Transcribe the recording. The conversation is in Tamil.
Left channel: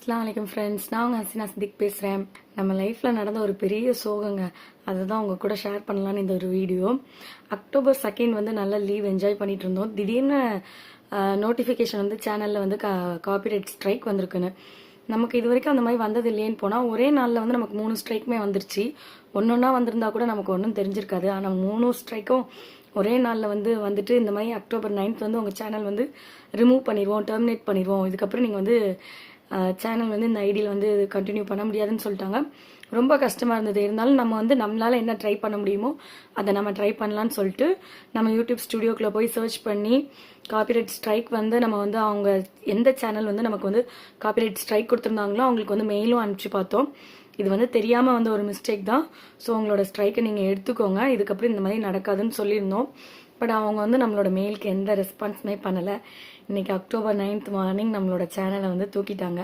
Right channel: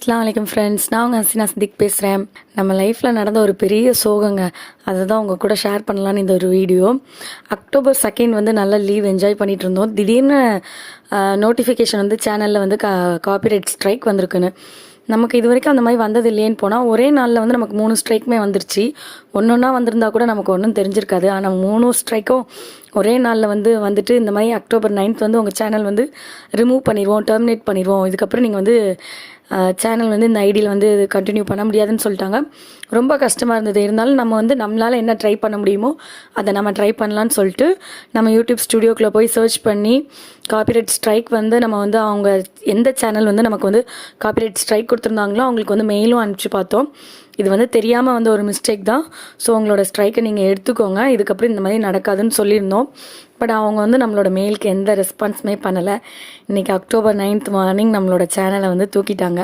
அஸ்ஸலாமு அலைக்கும் ஃப்ரெண்ட்ஸ். நான் உங்கள் ஹசீனா சித்திக் பேசுகிறேன். நம்ம லைஃப்பில் நடந்த ஒரு பெரிய சோகங்க. அதை தான் உங்கள் கூட ஷேர் பண்ணலான்னு இந்த ஒரு வீடியோ. அக்டோபர் 2 வந்து நல்லா லீவ் என்ஜாய் பண்ணிகிட்டு இருந்தோம். திடீர்னு நோட்டிஃபிகேஷன் வந்து சேனலில் வந்து காப்பிரைட் ஸ்ட்ரைக் வந்திருக்குன்னு. நமக்கு இது வரைக்கும் அந்த மாதிரி வந்தது இல்லையேன்னு போனால் ஒரே நாளில் வந்து நமக்கு 3 ஸ்ட்ரைக்குமே வந்துருச்சு. ஒன்றா வந்திருந்தா கூட நமக்கு ஒன்றும் தெரிஞ்சிருக்காது. ஆனால் 3 ஸ்ட்ரைக்கும் ஒரே நாளில் வந்துட்டு இந்த மாதிரி அக்டோபர் 9 வந்து உங்கள் சேனல் வந்து ரிமூவ் பண்ணிடுவோம், டெர்மினேட் பண்ணிடுவோம். இதுக்கப்புறம் நீங்கள் வந்து சேனல் வந்து இந்த ஐடியில் வந்து கண்டினியூ பண்ண முடியாதுன்னு சொல்லிட்டாங்க. ரொம்ப கஷ்டமாக இருந்தது. இருந்தாலும் நம்ம வந்து நம்மளால் என்ன ட்ரை பண்ண முடியுமோ அதை நம்ம ட்ரை பண்ணலான்னு சொல்லிட்டு நம்ம யூடியூப் ஸ்டுடியோக்குள்ளே போய் சர்ச் பண்ணி காப்பிரைட் ஸ்ட்ரைக் வந்து நம்ம வந்து அவங்க எந்த சேனல் வந்து நமக்கு வந்து காப்பிரைட் ஸ்ட்ரைக் கொடுத்துருந்தாங்களோ அவங்களுக்கு வந்து மெயிலும் அனுப்பிச்சு பார்த்தோம். இது வந்து தெரியாமல் வந்து ஒரு மிஸ்டேக் தான். ஸோ உங்களோட ஸ்ட்ரைக்கை நீங்கள் எடுத்துக்கோங்க, இதுக்கப்புறம் இந்த மாதிரி நடக்காதுன்னு சொல்லியிருந்தோம். பட் அவங்க வந்து நம்மளோட மெயிலுக்கு எந்த ரெஸ்பான்ஸுமே பண்ணலை. இன்றைக்கி அக்டோபர் 9 மார்னிங் நம்மளோட சேனலை வந்து தூக்கிட்டாங்க.